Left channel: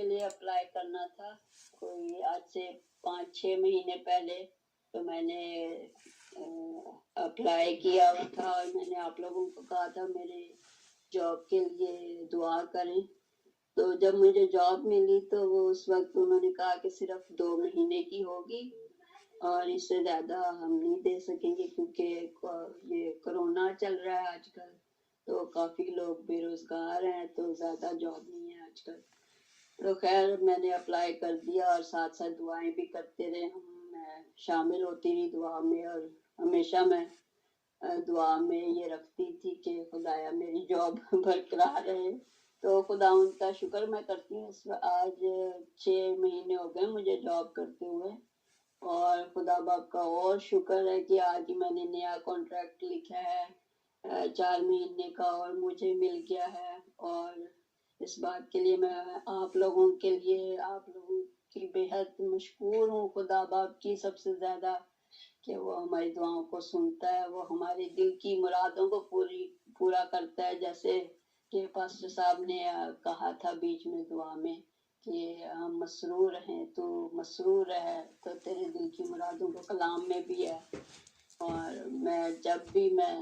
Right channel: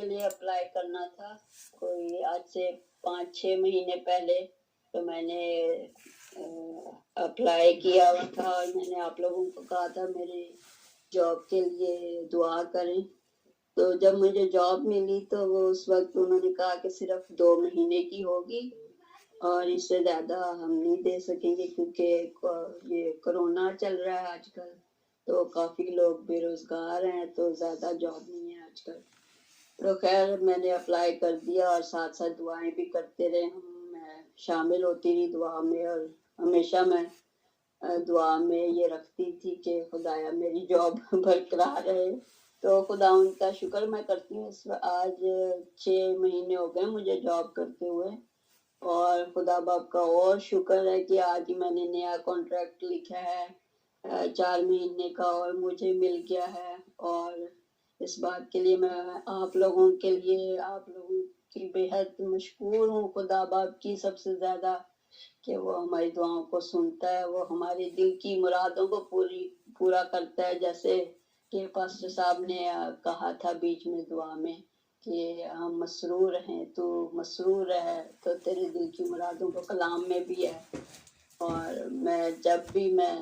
کے لیے اپلائی کرنا تھا کوئی آج سے 5-6 مہینے پہلے، تو میں نے اپلائی کیا ہوا تھا اور میں نے آپ لوگوں کو کہا تھا میرے جاب کے لیے دعا کریں. تو جب مجھے جاب ملی تو وہ اس وقت انہوں نے کہا کہ صرف 2 مہینے کی ہوگی اور اس سے زیادہ ہم نہیں دے سکیں گے کیونکہ یہ کرونا چل رہا ہے آج کل، تو کافی لوگ بے روزگار ہیں تو زیادہ جاب نہیں ہے آج کل. تو خیر میں نے اپلائی کر دیا اور ساتھ ساتھ دعائیں بھی کرتے رہے. میں شامل ہوتی رہی دعا میں اور ہمیشہ میں دعا میں یہ رکھتی تھی کہ خدایا میری جاب برقرار رہے. تو خدا ان کا شکر میں کرتی ہوں. آج 6 مہینے ہو گئے مجھے جاب کرتے ہوئے اور خدا باپ کا اور شکر ہے کہ آج میں نے نیا کانٹریکٹ لکھا ہے 4 مہینے کا اور مجھے مل گیا ہے. اور اس بات کے لیے میں آپ لوگوں کے لیے آپ لوگوں کی بے حد مشکور ہوں خدا باپ کی سب سے زیادہ کہ وہ ہماری دعاؤں کو سنتا ہے، وہ ہمارے دل کی مرادوں کو پورا کرتا ہے. جیسے کہ پاسٹر صاحب نے کہا تھا بیچ میں دعا میں کہ ہم مسرور ہیں، تو مسرور ہے تو تیرے دل کی مرادوں کو کلام میں بھی ہے. اور میں جب بھی میں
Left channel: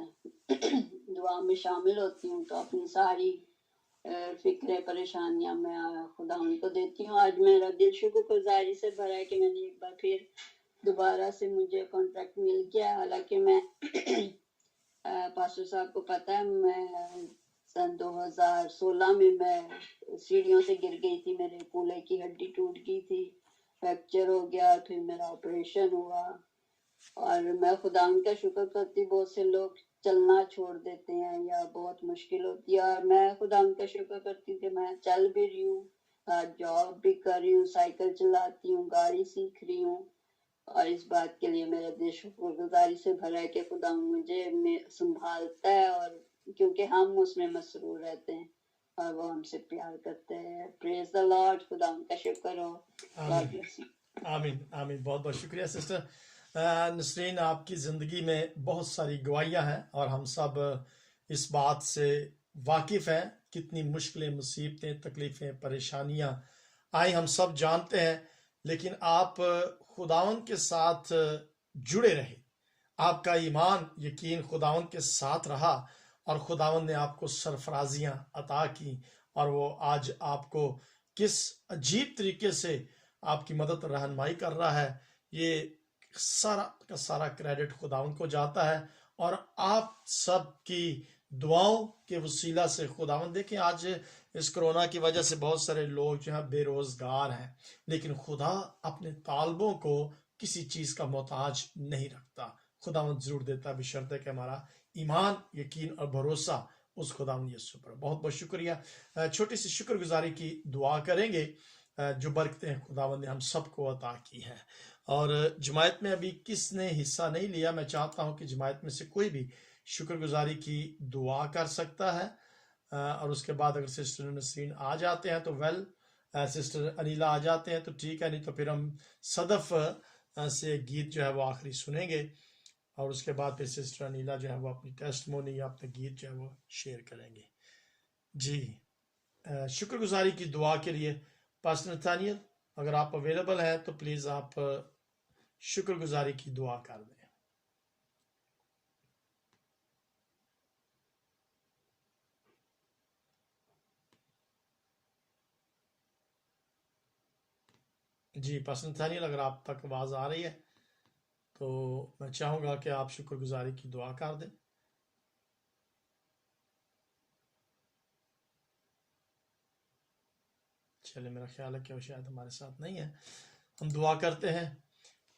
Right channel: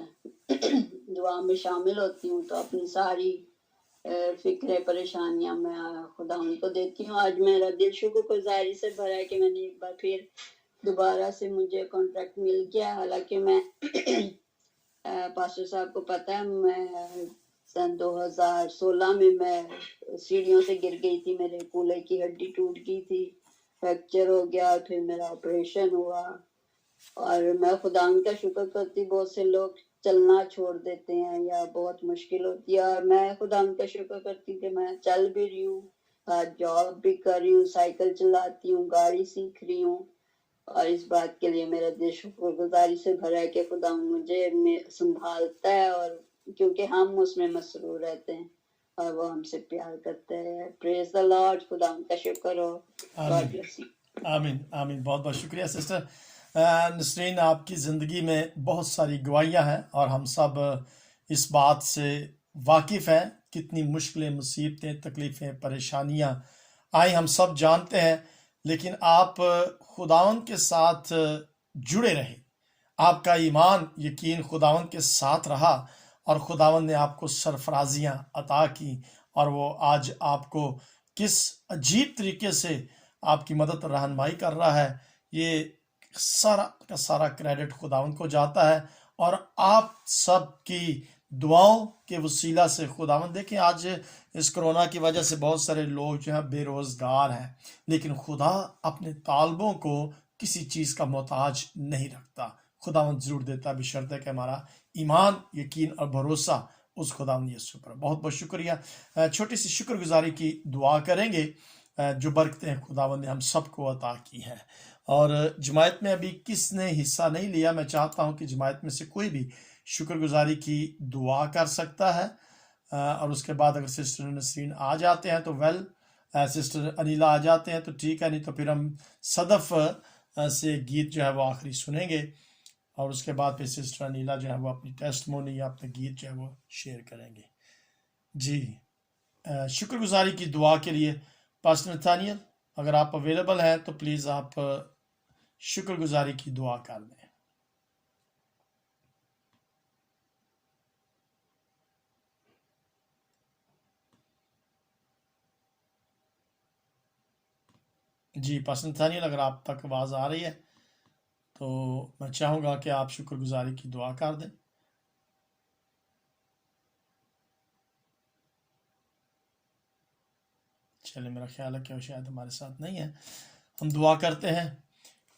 دعا میں شامل ہوتی ہوں تو اپنی ساری فکریں پریشانیاں میں خدا ان کو دیتی ہوں. آج میرا دل شکر گزاری سے بھرا ہے کہ میں نے ایک بار پھر دوبارہ سے مجھے کانٹریکٹ مل گیا. حالانکہ میں پاسٹر صاحب کو پتہ ہے میں سن 2016 میں سیڑھیوں سے گر گئی تھی، میرے کولے کی ہڈی ٹوٹ گئی تھی، فریکچر ہو گیا، پھر میرا آپریشن ہوا. اور میں خدا ان کا شکر کرتی، بہت سے لوگ چلنا چھوڑ دیتے ہیں یا بہت مشکل ہوتی ہے، اور میں خدا ان کا شکر کرتی کہ میں چل بھی رہی ہوں، جاب بھی کر رہی ہوں، سائیکل چلاتی ہوں، گاڑی سیکھ رہی ہوں. اور اس بات کے لیے میرا دل شکر گزاری سے بھرا ہے کہ خدا مجھے سنبھالتا ہے، اور کیونکہ ہم اس میں مسرور رہتے ہیں اور وہ ہم سے پیار کرتے ہیں. پریز دی لارڈ. خدا ان کا شکر ہو. آمین آمین آمین. بہت بہت شکریہ سسٹر نسرین. آپ کی زندگی میں بہت ساری گواہیاں ہیں اور ہم سب اس بات سے واقف ہیں کتنی مشکلیں، مصیبتیں، تکلیفیں، پریشانیاں آئیں، ہم سب جانتے ہیں. لیکن آپ خداوند کے ساتھ جڑے رہے، آپ کا ایمان یقین خداوند کے ساتھ رہا اور خداوند نے آپ کو سرفرازیاں عطا کی، اور وہ آج آپ کو کس عجیب طریقے سے آپ کی مدد اور رہنمائی کر رہا ہے. یہ سارا کا سارا کریڈٹ خداوند کو جاتا ہے. اور آپ سب کی دعاؤں کے وسیلہ سے خداوند، دیکھیں آج اس کرونا کی وجہ سے بہت سارے لوگ جو ہیں بے روزگار ہیں، لیکن خدا اپنے طالبوں کو کسی چیز کا محتاج نہیں رکھتا. خداوند ضرور دیتا ہے بشرطے کہ ہمارا ایمان، یقین اور بھروسہ اس خداوند یسوع پر. بہت بہت شکریہ. چھوٹی سی شکر گزاری کی دعا کریں گے. جو برکتیں خداوند نے ہم سب کو عطا کی ہیں. اور جماعت میں ابھی کس نے حصہ نہیں لیا، میں چاہتا ہوں کہ جماعت میں سے کوئی بھی شکر گزاری کی دعا کر سکتا ہے. اور اس کے بعد اگر سسٹر نسرین آ جاتے ہیں تو ویل، سسٹر انیلا آ جاتے ہیں تو ٹھیک ہے، نہیں تو پھر ہم صدف سے گیت جو ہے وہ آخری سنیں گے، اور اس کے بعد پھر سسٹر انیلا جو ہے وہ اپنی ٹیسٹمونی یا اپنے گیت جو ہے وہ شیئر کریں گے. جی شکر گزاری کی دعا کے لیے پاسٹر نتھانیل اگر آپ اویلیبل ہیں تو پلیز آپ شکر گزاری کی دعا کر دیں. جی پاسٹر نتھانیل اگر آپ تک آواز آ رہی ہے تو میں چاہوں گا کہ آپ شکر گزاری کی دعا کر دیں. چلے میرا خیال ہے کہ وہ شاید ہمارے ساتھ نہیں ہے. ہم دعا کرتے ہیں.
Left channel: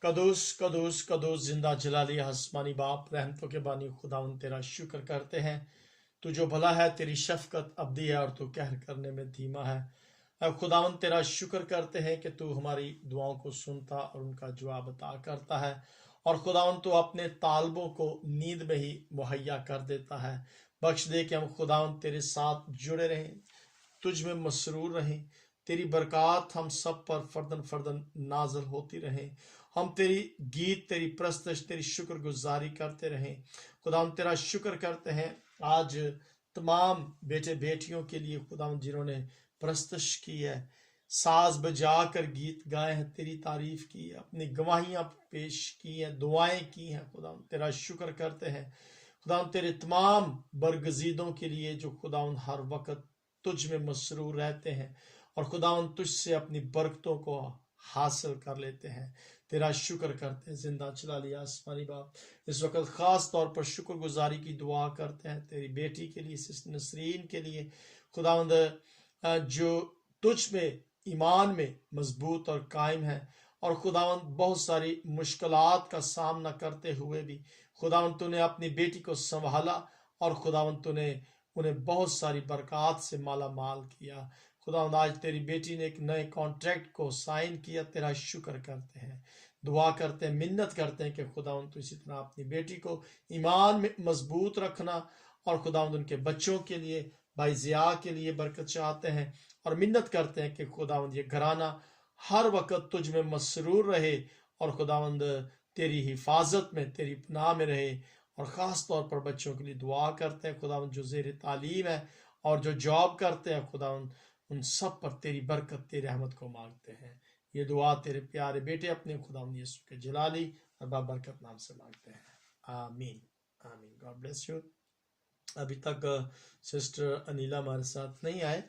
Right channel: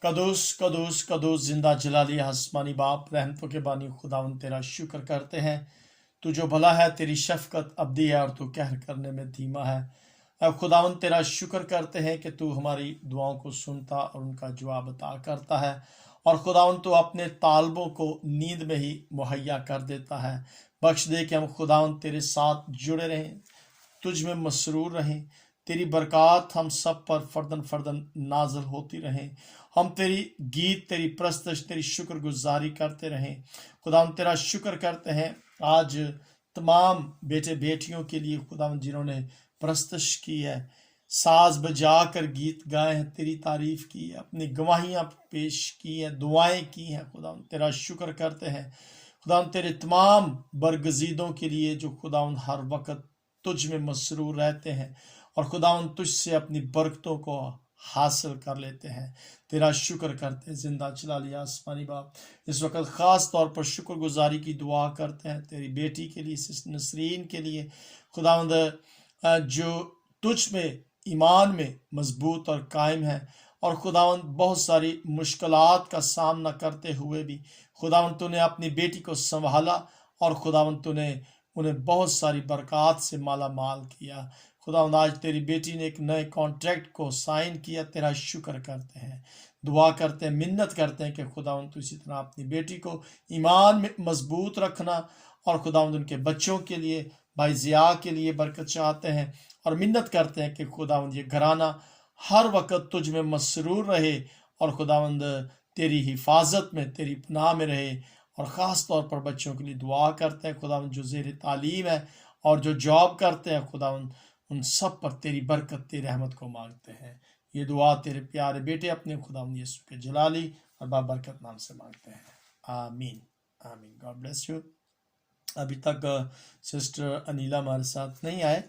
قدوس قدوس قدوس زندہ جلالی آسمانی باپ، رحمتوں کے بانی خداوند تیرا شکر کرتے ہیں. تو جو بھلا ہے، تیری شفقت ابدی ہے اور تو قہر کرنے میں دھیما ہے. اے خداوند تیرا شکر کرتے ہیں کہ تو ہماری دعاؤں کو سنتا اور ان کا جواب عطا کرتا ہے. اور خداوند تو اپنے طالبوں کو نیند میں ہی مہیا کر دیتا ہے. بخش دے کہ ہم خداوند تیرے ساتھ جڑے رہیں، تجھ میں مسرور رہیں. تیری برکات ہم سب پر فردن فردن نازل ہوتی رہیں. ہم تیری گیت، تیری پرستش، تیری شکر گزاری کرتے رہیں. خدا ہم تیرا شکر کرتے ہیں آج تمام بیٹے بیٹیوں کے لیے خدا جنہوں نے پرستش کی ہے. ساز بجا کر گیت گائے ہیں، تیری تعریف کی، اپنی گواہیاں پیش کی ہیں، دعائیں کی ہیں خدا، تیرا شکر کرتے ہیں خدا، تیرے تمام برگزیدوں کے لیے جو خدا ہر وقت تجھ میں مسرور رہتے ہیں اور خدا تجھ سے اپنی برکتوں کو حاصل کر لیتے ہیں، تیرا شکر کرتے ہیں۔ زندہ چلا لیا آسمانی باپ، اس وقت خاص طور پر شکر گزاری کی دعا کرتے ہیں تیری بیٹی کے لیے، سسٹر نسرین کے لیے خداوند، جو تجھ میں ایمان میں مضبوط اور قائم ہے، اور خداوند بہت ساری مشکلات کا سامنا کرتے ہوئے بھی خداوند تو نے اپنی بیٹی کو سنبھالا، اور خداوند تو نے انہیں بہت ساری برکات سے مالا مال کیا۔ خداوند آج تیری بیٹی نے ایک نئے کانٹریکٹ کو سائن کیا، تیرا شکر کرتے ہیں، دعا کرتے ہیں، منت کرتے ہیں کہ خداوند تو اسی طرح اپنی بیٹی کو ایمان میں مضبوط رکھنا، اور خداوند ان کے بچوں کے لیے، بھائی ضیاء کے لیے برکت چاہتے ہیں، اور منت کرتے ہیں کہ خداوند یہ گھرانہ ہر وقت تجھ میں مسرور رہے، اور خداوند تیری حفاظت میں، تیری پناہ میں رہے۔ اور خاص طور پر بچوں کے لیے دعا کرتے ہیں خداوند، جو زیر تعلیم ہے اور جو جاب کرتے ہیں خداوند، ان سب پر تیری برکت، تیری رحمت کو مانگتے ہیں۔ یہ دعا تیرے پیارے بیٹے اپنے خداوند یسوع کے جلالی اور بابرکت نام سے مانگتے ہیں، آمین آمین۔ God bless you. ابھی تک سسٹر انیلا ہمارے ساتھ نہیں آئے،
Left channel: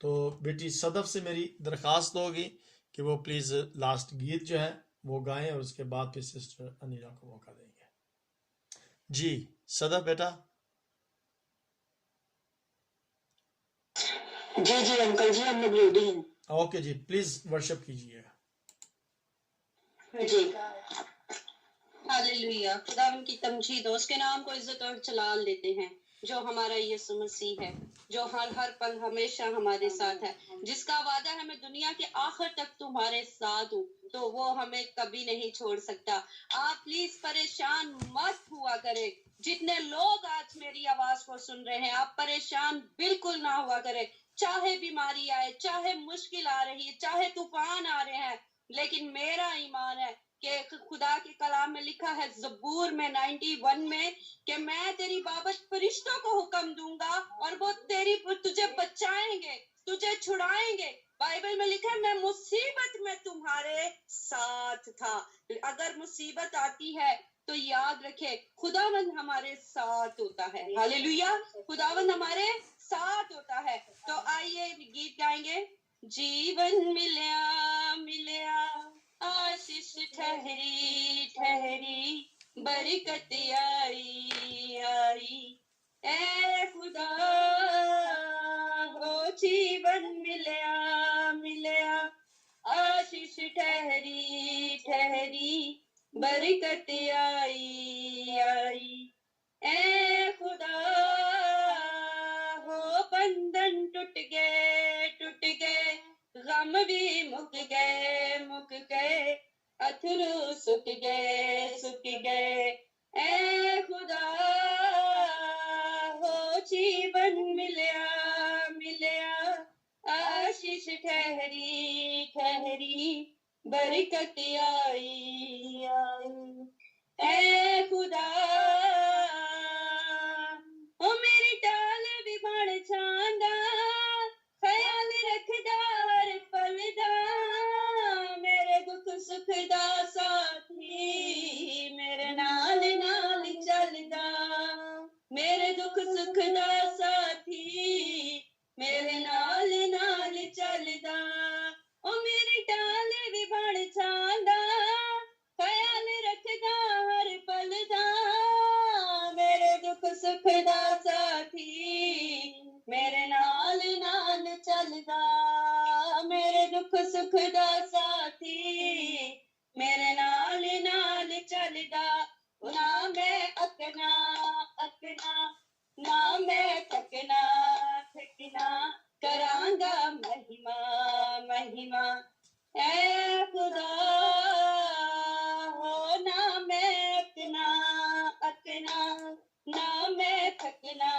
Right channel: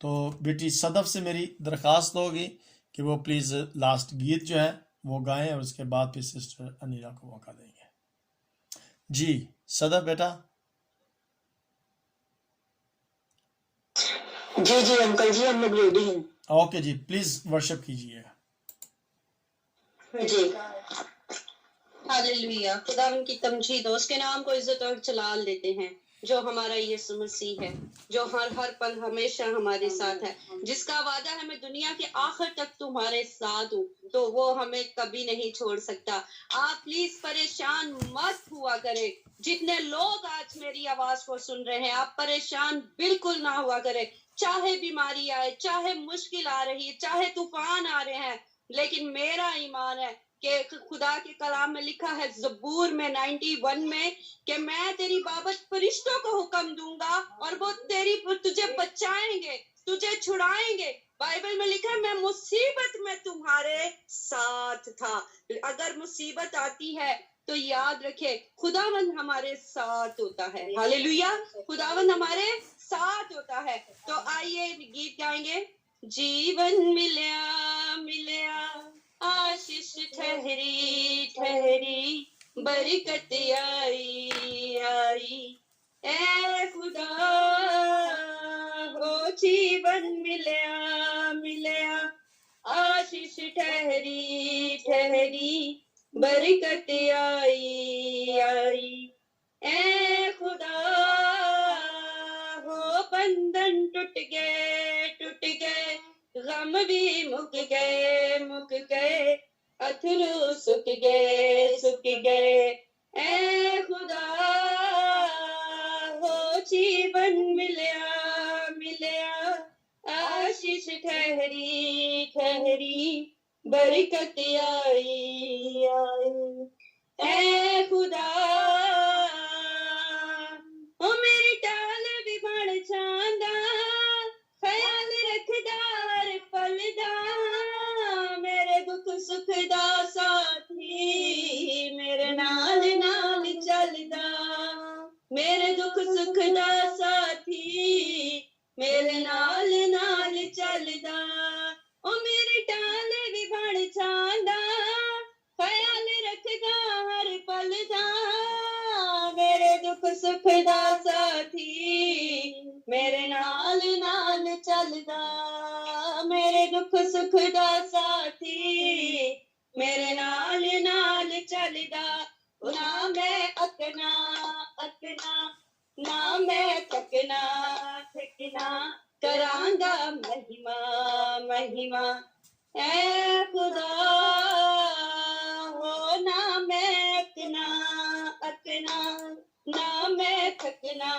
تو بیٹی صدف سے میری درخواست ہوگی کہ وہ پلیز لاسٹ گیت جو ہے وہ گائیں، اور اس کے بعد پھر سسٹر انیلا کو موقع دیں گے۔ جی صدف بیٹا۔ جی انکل جی، ہم لوگ ریڈی ہیں۔ اوکے جی، پلیز ورشپ کیجیے۔ جی ہاللیلویا، خدا ان کی تمجید ہو، اس کے نام کو عزت اور جلال دیتے ہیں، جو ہمارا یسوع مسیح ہے، جو ہر پل ہمیشہ ہمارے ساتھ ہے، جس کا وعدہ ہے میں دنیا کے آخر تک تمہارے ساتھ ہوں، تو وہ ہمیں کبھی نہیں چھوڑ سکتا۔ آپ پلیز پریشان مت ہوا کرے، جتنے لوگ آج میری آواز کو سن رہے ہیں، آپ پریشان بالکل نہ ہوا کرے، چاہے بیماری آئے، چاہے مشکل آ رہی ہے، چاہے طوفان آ رہے ہیں، لیکن میرا ایمان ہے کہ خدا کے کلام میں لکھا ہے زبور میں 91 میں کہ میں تیری بابت فرشتوں کو حکم دوں گا اور وہ تجھے بچائیں گے، تجھے چھڑائیں گے۔ بائبل میں لکھا ہے میں مصیبت میں تمہارے ساتھ تھا۔ اگر مصیبت آتی ہے تو یاد رکھے خداوند ہمارے ساتھ ہوتا ہے۔ ہاللیلویا، خداوند ہمارے ساتھ ہوتا ہے۔ تو آئیے گیت گائیں گے۔ جیون ملیا ملیا آشیش ٹھہری ٹھہری، برکت آئی آئی، اے خدا ہو جیون ملیا ملیا آشیش ٹھہری ٹھہری، برکت آئی آئی، اے خدا ہو بندھن ٹوٹ گئے، غم بھی مک گئے، اتھرو سک گئے، اے خدا ہو جیون ملیا آشیش ٹھہری ٹھہری، برکت آئی آئی، اے خدا او میری ٹال بھی بڑھ جاندا، خیال رکھدا ہر پل دا، میرے دکھ سکھ دا ساتھی، میرے نال نال چلدا، میرے دکھ سکھ دا ساتھی، میرے نال نال چلدا، او میری ٹال بھی بڑھ جاندا، خیال رکھدا ہر پل دا، میرے دکھ سکھ دا ساتھی، میرے نال نال چلدا، میرے دکھ سکھ دا ساتھی، میرے نال نال چلدا، نہ میں اکنا نہ میں تھکنا، کرانگا مہیما، اے خدا ہو، نہ میں اکنا نہ میں تھکنا،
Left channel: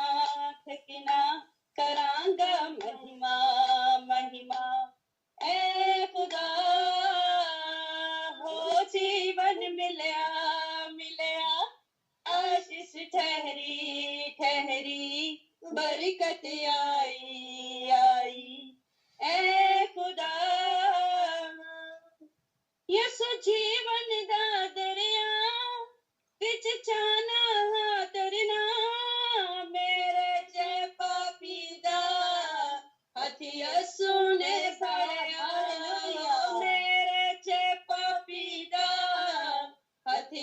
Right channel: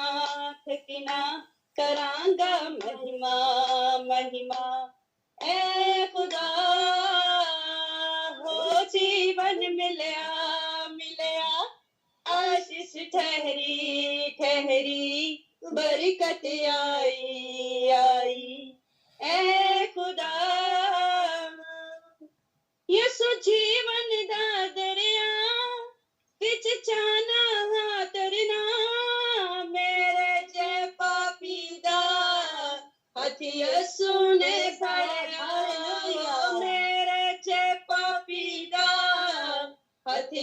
کرانگا مہیما، اے خدا ہو جیون ملیا آشیش ٹھہری، برکت آئی، اے خدا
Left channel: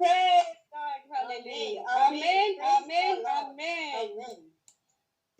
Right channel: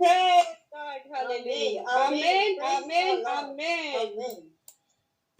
Praise God, hallelujah. Amen, amen, amen.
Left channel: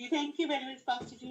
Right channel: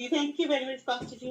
Thank you very much, Pastor Ji,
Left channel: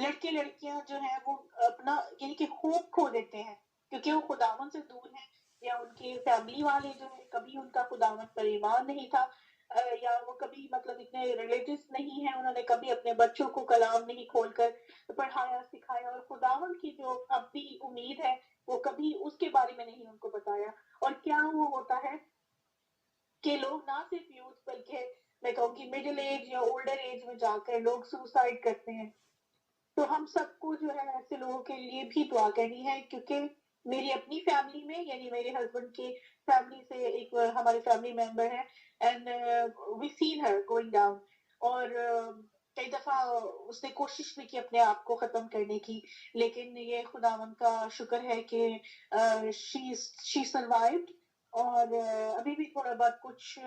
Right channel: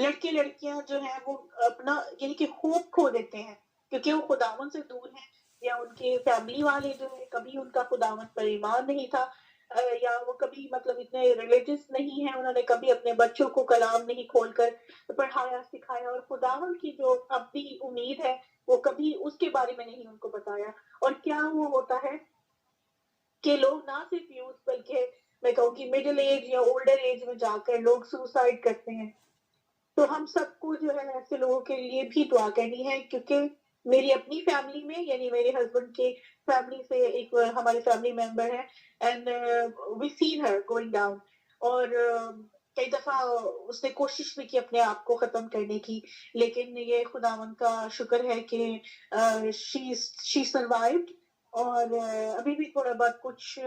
لڑکے لڑکیاں جو ہیں وہ اپنا یعنی کہ ہوپ کھو دیتے ہیں کیونکہ وہ خداوند سے دور ہیں یا ان کے فیملی والے جو ہے کبھی ان کا خداوند پر ایمان نہیں تھا یا وہ کبھی مطلب اتنے ریلیجس نہیں ہیں انہوں نے کبھی اپنے بچوں کو کلام نہیں کھول کر پڑھایا سکھایا اور خداوند کی جو اپنی امید ہے وہ کبھی اس کے بارے میں نہیں ان کو بتایا اور کیا وہ ہوتا ہے کہ لوگ نہ صرف یوتھ بلکہ میں کہوں کہ مڈل ایج یا اولڈر ایج میں جا کر لوگ سوسائڈ کرتے ہیں تو ہم سب کو جو ہے ایسے لوگوں کے لیے بھی دعا کرنی ہے کیونکہ میری اپنی فیملی میں یعنی میرے ہسبینڈ کے فیملی سے ایک ہمارے فیملی ممبر ہے and we seen her going down اور کئی دفعہ اس نے کوشش بھی کی اپنے آپ کو ختم کرنے کی لیکن یہ خداوند کا شکر ہے کہ شی سروائیوڈ اور ابھی بھی تھوڑا بہت کچھ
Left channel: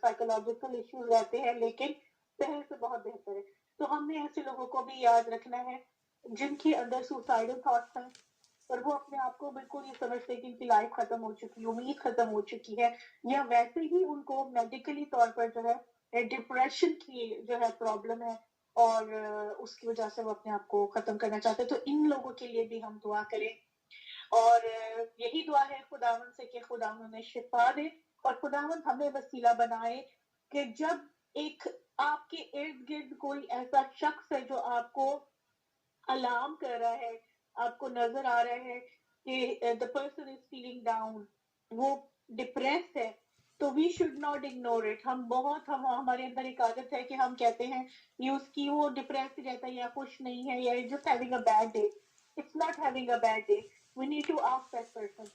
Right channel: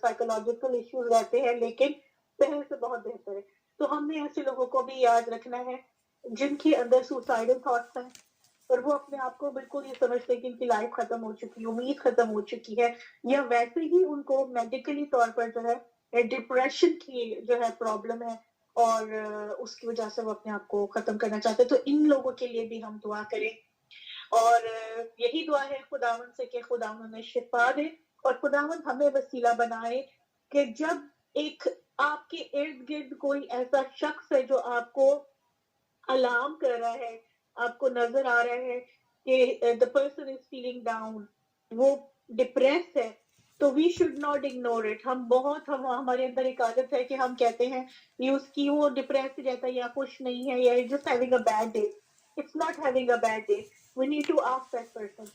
سائیکولوجیکل ایشوز رہتے ہیں لیکن پہلے سے بہت بہتر ہے تو ہم نے ایسے لوگوں کو بھی یاد رکھنا ہے جن کے اندر سوسائڈل تھاٹس ہیں اور وہ اپنے آپ کو بالکل یہ سمجھتے ہیں کہ ان کی لائف ختم ہو چکی ہے امید ختم ہو چکی ہے یا ویسے ہی ان کو میڈیکلی طور پر جو ہے ڈپریشن کی جو ہے پرابلم ہے اور اس کی وجہ سے وہ اپنے آپ کو ختم کرنا چاہتے ہیں تو ان لوگوں کے لیے بھی ہم دعا کریں اور یہی دعا ہے خداوند سے کہ خداوند انہیں شفا دے اور خداوند ہمیں وسیلہ بنائے کہ جب ایک آپ کے ارد گرد کوئی ایسا شخص ہے جو آپ کو الارم کر رہا ہے آپ کو نظر آ رہا ہے کہ the person is feeling down وہ ڈپریس ہے تو we should not ignore it ہمارے اندر ایک عادت ہے کہ ہم کہتے ہیں اس کی وہ ڈپریس رہتا ہے یا خوش نہیں ہے یا just having a bad day it's not having a bad day we need to ask that person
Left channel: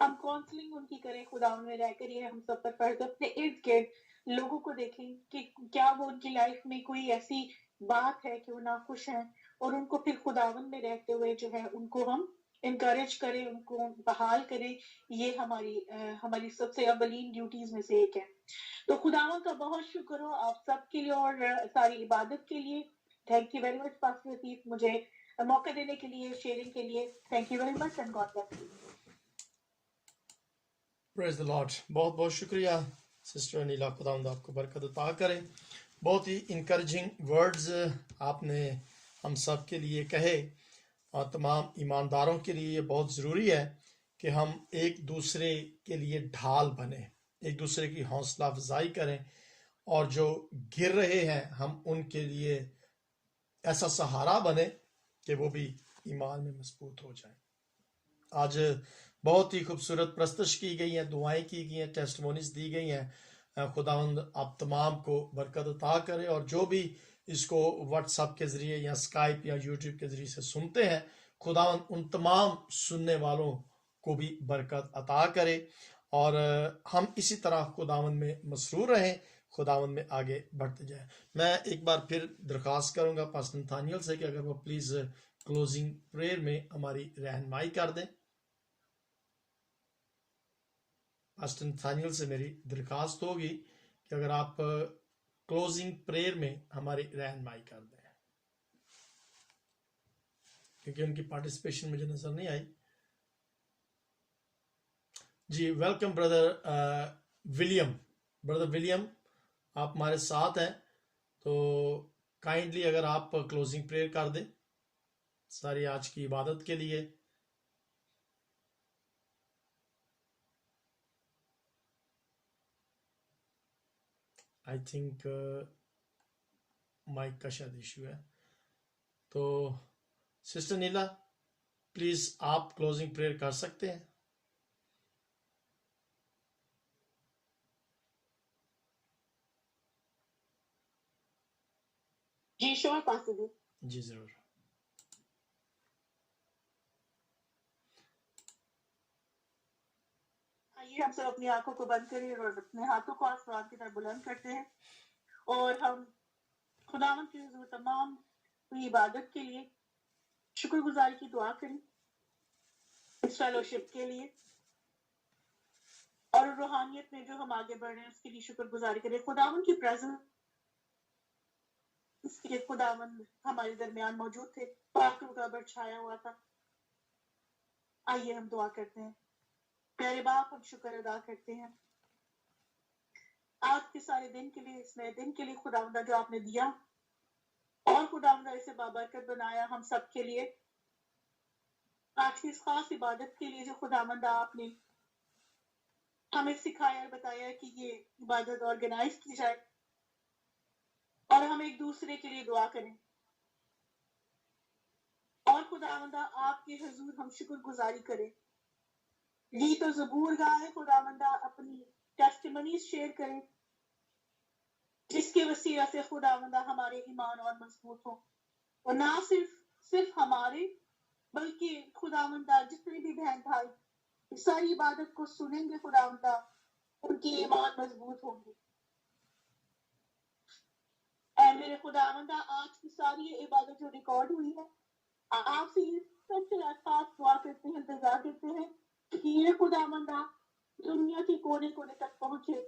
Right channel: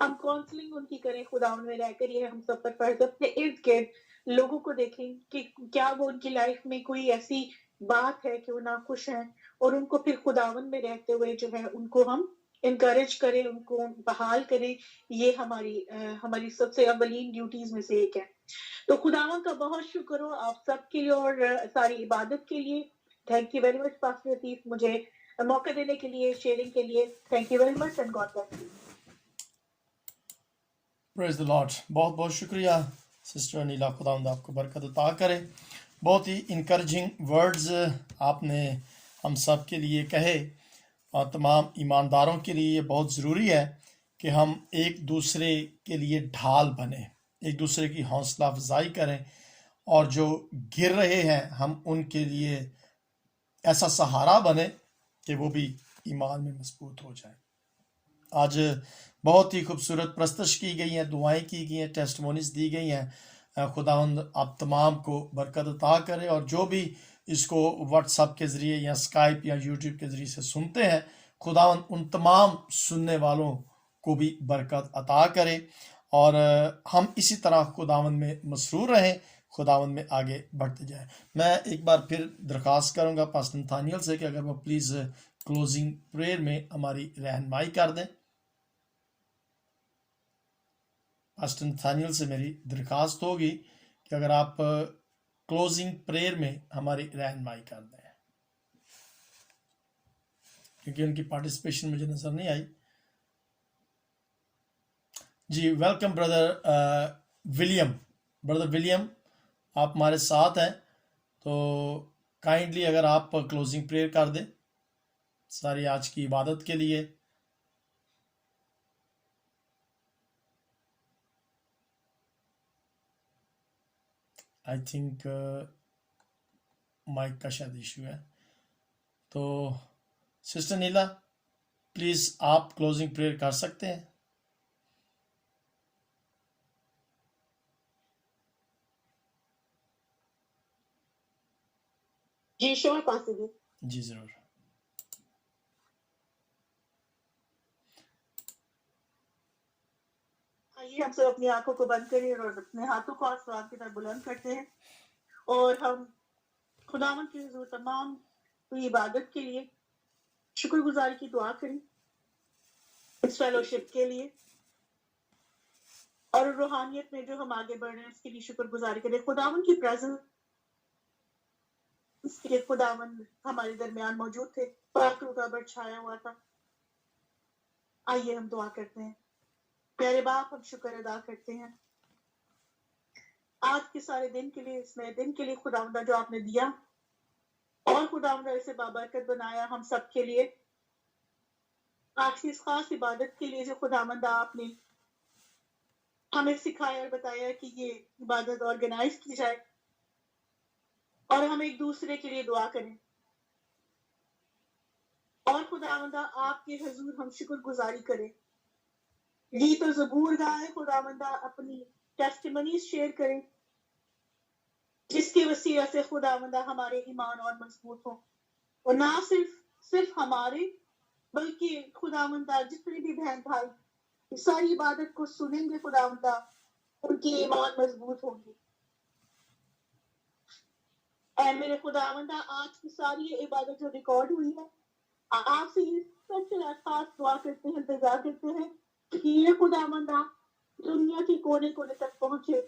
ہم کاؤنسلنگ ان کی کریں خداوند میں رہ کر یہ ہم سب پر فرض اپنے ارد گرد لوگوں کو دیکھیں کہ کیا وہ ان کی لائف میں کوئی ایسی بات ہے کہ وہ ناخوش ہیں اور ان کو پھر خداوند میں رہتے ہوئے جو ہے ان کو ہم انکریج کریں ان کو بحال کریں یہ ہماری سب سے اولین ڈیوٹیز میں سے ایک ہے تو خداوند کا بہت شکر ہو آپ سب کے لیے اور ساری عبادت کے لیے thank you very much pastor Latif مجھے موقع دینے کے لیے شیئرنگ کے لیے thank you very much and God bless you praise the Lord بہت بہت شکریہ سسٹر انیلا خداوند آپ کو برکت عطا کرے بہت ہی انکریجنگ ورڈز آپ نے ہم سب کے لیے کہے اور تمام ایمانداروں کے لیے یہ بہت ضروری ہے کہ ہم ایک دوسرے کے لیے ڈھال بنیں ایک دوسرے کی حوصلہ افزائی کریں اور جو گر رہے ہیں ہم ان کے لیے ایسا سہارا بنے کہ وہ بھی ایمان میں مضبوط ہو جائیں آج بہت ہی خوبصورت پرستش کی گئی ہیں دعائیں کی گئی ہیں ٹیسٹمونیز دی گئی ہیں خداوند آپ تمام کو برکت عطا کرے اور جو بھی اس کو واٹس ایپ کے ذریعے یا اسکائپ یا یوٹیوب کے ذریعے سے سنتے ہیں خداوند ان تمام سننے والوں کو بھی برکت عطا کرے اور ہم اسی طرح خداوند میں مسرور رہیں خداوند میں آگے بڑھتے جائیں میں ایک بار پھر درخواست کروں گا پاسٹر نتھانیل سے کہ اگر وہ پلیز کلوزنگ پریئر میں ہماری رہنمائی کر دیں پاسٹر نتھانیل سے میری درخواست ہوگی کہ اگر آپ کلوزنگ پریئر میں ہماری رہنمائی کر دیں کیونکہ ان کی پارٹیسپیشن مجھے نظر نہیں آئی جی ویلکم بردر ولیم آپ ہمارے ساتھ ہیں تو کائنڈلی اگر آپ کلوزنگ پریئر کر دیں ساری آج کی عبادت کے لیے آئی تھنک مائک کا شاید ایشو ہے تو سسٹر نیلا پلیز آپ کلوزنگ پریئر کر سکتے ہیں جی شور پاسٹر جی ضرور آئیے ہم سب اپنی آنکھوں کو بند کریں اور اپنے ہاتھوں کو آسمان کی طرف بلند کرتے ہیں اور ہم خداوند کے حضور تمام ہوئی عبادت کے لیے شکر گزاری کی دعا کریں اس فیلوشپ کے لیے اور روحانیت میں جو ہم آگے بڑھ رہے ہیں اس کے لیے شکر گزاری کریں خداوند کی پریزنس کے خداوند ہمارے درمیان موجود تھے پاک روح کا چھایا ہوا تھا آئیے ہم دعا کرتے ہیں پیارے باپ ہم شکر ادا کرتے ہیں آج کے سارے دن کے لیے اس نئے دن کے لیے خداوند جو آپ نے دیا اور خداوند اسے بابرکت بنایا ہم سب کے لیے. آج کی اس خاص عبادت کے لیے جو خداوند آپ نے ہمیں سکھایا اور بتایا کہ یہ عبادت آرگنائز کی جائے اور ہم ایک دوسرے کے لیے دعا کریں. اور خداوندہ آپ کے حضور ہم شکر گزاری کریں. گیت و زبور گائے خداوندہ اپنی ٹیسٹیمنیز شیئر کریں جس کے وسیلہ سے خداوندہ ہمارے ایمان اور مضبوط ہوں. اور نہ صرف ہمارے بلکہ خداوندہ جتنے بھی بہن بھائی ساری عبادت کو سنیں گے خداوندہ ان کی ایمان مضبوط ہوگی. اے میرے خداوندہ آج کی ساری یہ عبادت جو ریکارڈ ہوئی ہے آپ سے یہ سچ خاص دعا کرتے ہیں انتظار کرتے ہیں کہ یہ خداوندہ دنیا کے کونے کونے تک پہنچے.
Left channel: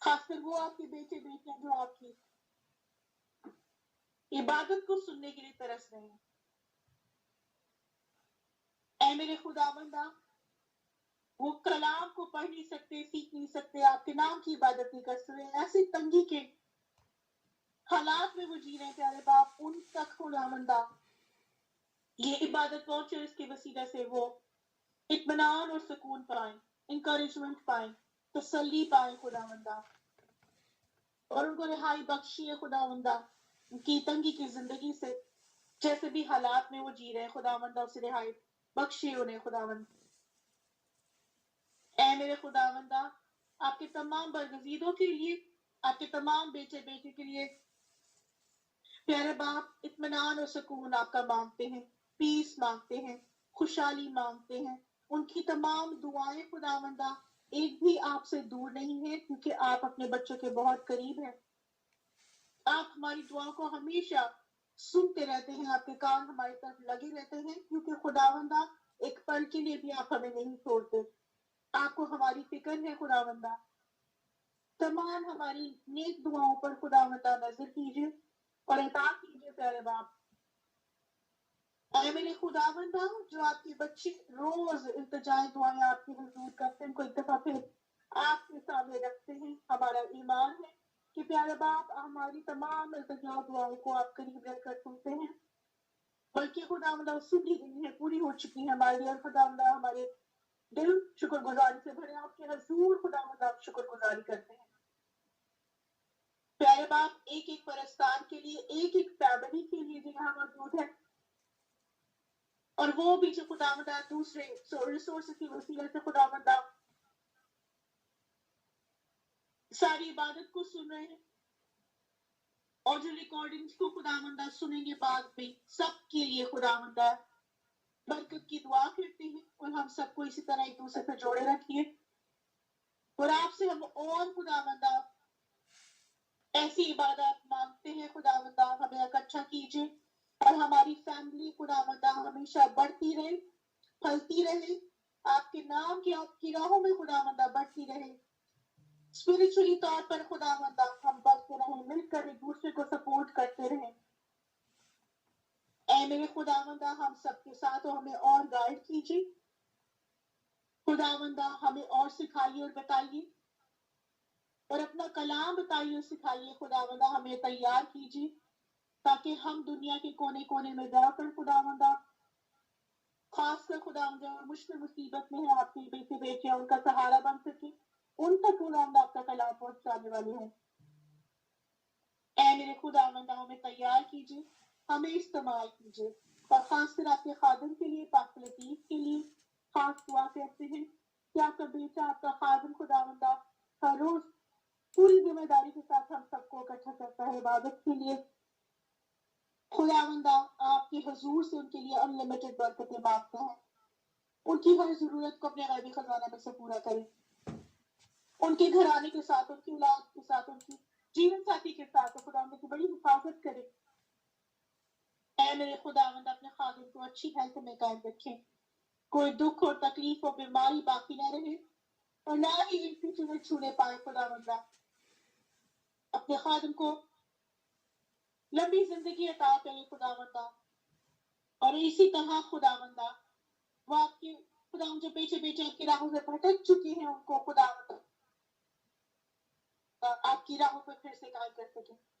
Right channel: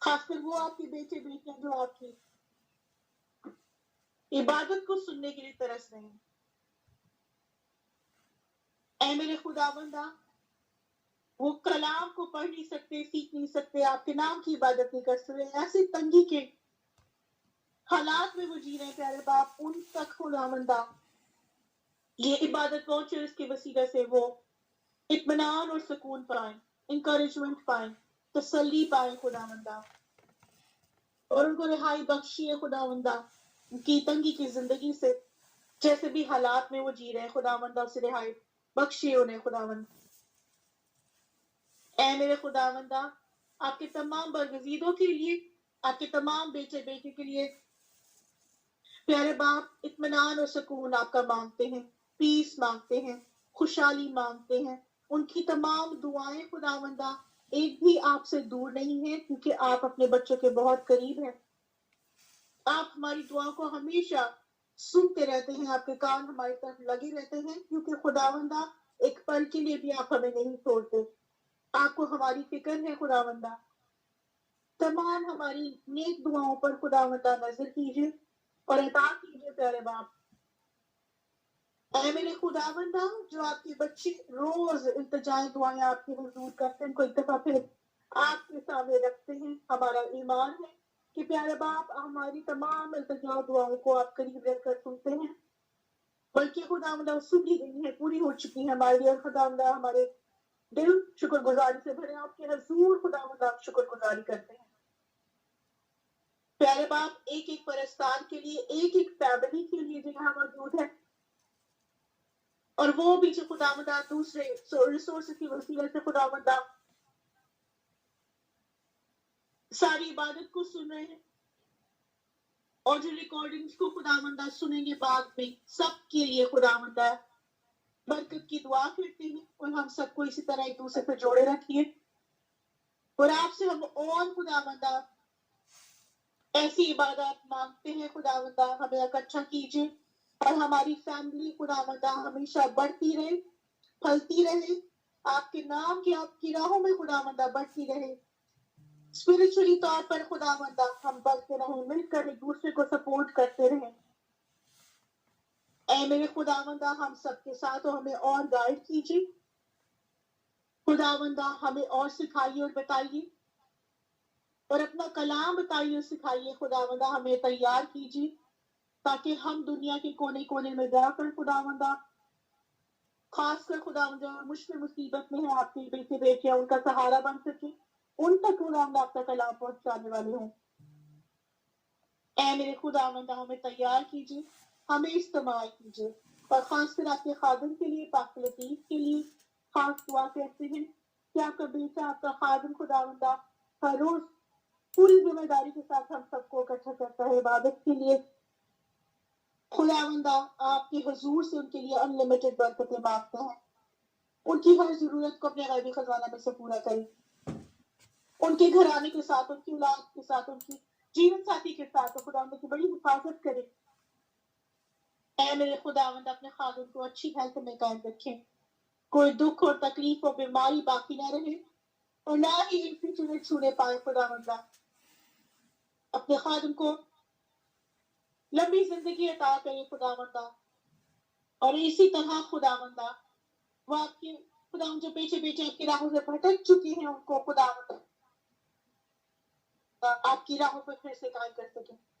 خاص کر وہ آپ کے بیٹے بیٹیاں جو آپ کی عبادت کو سننے کے لیے ترس رہے ہیں. اے میرے خداوندہ وہ کلام کو پڑھ نہیں سکتے سیکھ نہیں سکتے آپ کے نام کی عبادت نہیں کر سکتے ایسی تنگی کے حالات میں وہ جی رہے ہیں پیارے باپ ان تک خداوندہ یہ عبادت پہنچے اس کی وسیلہ سے وہ اطمینان اور سکون پائیں انکریجمنٹ پائیں تسلی پائیں خداوندہ اور ان کو رہائی بخشیے خداوندہ ان کی تنگی کی زندگی سے جیسے بھی حالات میں وہ جی رہے ہیں خداوندہ اسے رہائی بخشیے انہیں خداوند. اے میرے خداوندہ آپ کے تمام برگزیدوں کے لیے آپ کے تمام بیٹے بیٹے کے لیے پیارے باپ اطمینان اور سکون آپ کا مانگتے ہیں پیس مانگتے ہیں خوشحالی مانگتے ہیں. ان کی تمام دعائیں خداوندہ ایک بھی آپ سے دور نہیں ہے کیونکہ آپ اپنے بچوں کے بہت قریب ہیں. آپ ہماری دعاؤں کو ہمیشہ سنتے رہتے ہیں آپ کے کان ہماری طرف لگے رہتے ہیں کیونکہ خداوندہ ایک پل کے لیے بھی آپ ہمیں نہیں چھوڑتے. آپ کو ہماری فکر ہے خداوندہ. تمام ہماری نیک دعاؤں پر خداوندہ نظر کیجیے اور عطا کیجیے پیارے باپ. اے میرے خداوندہ جو آپ کے بچے روز التجائے دعائیں آپ کے حضور کرتے ہیں ان کو ایک دفعہ پھر آپ کے سامنے رکھتے ہیں. ہمارا ایمان ہے کہ پیارے باپ ہماری تمام التجا دعاؤں کو آپ قریب رکھ کر سنتے ہیں بلکہ خداوندہ سنی گئی ہے پوری ہو چکی ہے ہمارے لیے. خداوندہ ہمارے دل شکر گزاری سے بھرے آپ کے حضور خداوندہ آپ شکر گزاری کرتے ہیں. پیارے باپ ایک ایک پرستار کے لیے ایک ایک فیملی کے لیے جو یہاں موجود ہے اور وہ بھی جو خداوندہ دوسرے ریسورس کی وسیلے سے خداوندہ ساری عبادت کو سن رہے ہیں اور جو ریکارڈنگز کو خداوندہ سنیں گے بعد میں سب کے لیے خداوندہ برکت کی دعا کرتے ہیں اور ہم سب کو اسی طرح ایک دوسرے پہ جوڑے رکھیے. اور آپ سے ہم اور خداوندہ ایسی عبادت مانگتے ہیں خداوندہ ہمیں اکٹھا کیجیے اور ہماری فیملی خداوندہ ہمیشہ بڑھتی رہے پھلتی رہے آپ کے نام کی آپ کی راہوں میں خداوندہ بڑھتی رہے. اسپرچولی طور پر خداوندہ ہم بڑھتے رہیں مل کر ایک دوسرے کو سپورٹ کرتے رہیں. اے میرے خداوندہ ہم سب کے ساتھ ہو ہمیں اور گائیڈ کیجیے خداوندہ ہمیں اور سکھائیے اور بتائیے اور اپنا کلام بتائیے اور سکھائیے خداوندہ ہمیں تیار کیجیے تاکہ ہم دنیا کے کونے کونے میں جا کر خداوندہ خاص کر خداوندہ مشکل مصیبت میں ہیں آپ کے بیٹے بیٹیاں ان کا سہارا بن سکے ان تک خداوندہ آپ کا کلام پہنچانے والے ہیں. اے میرے خداوندہ ہمیں تیار کیجیے ہمیں استعمال کیجیے اور خاص کر آپ کے خادم کے لیے پاک لطیف کے لیے خاص دعا کرتے ہیں کہ آپ کا بیٹا آپ کا خادم خداوندہ ہر روز پوری ذمہ داری کے ساتھ ہم سب کو اکٹھا کرتا ہے عبادت کے لیے. خداوندہ آپ کے حضور سے ان کے لیے انلمیٹڈ برکتیں مانگتے ہیں ان کی ہر ضرورت کو اپنے غیبی خزانہ میں سے پورا کریں. ان کے گھرانے کے ساتھ ان کی اولاد کے ساتھ ان کی جیون ساتھی کے ساتھ خداوند کی بڑی حفاظت کرے. اے میرے خداوند اپنے خادم کو اچھی ہیلتھ میں قائم رکھیں کوئی دکھ اور تکلیف اور بیماری باقی نہ رہے اور نہ ہی ان کی چیزیں چھونے پائے. خداوند اپنے خادم کو لمبی زندگی عطا کرے خداوند اور اسی طرح خداوند وہ آپ کے خداوند جو بیٹے بیٹے آپ کی راہوں سے بھٹک چکی ہیں ان کو خداوند آپ کی راہوں پر پھر سے قائم کر سکیں.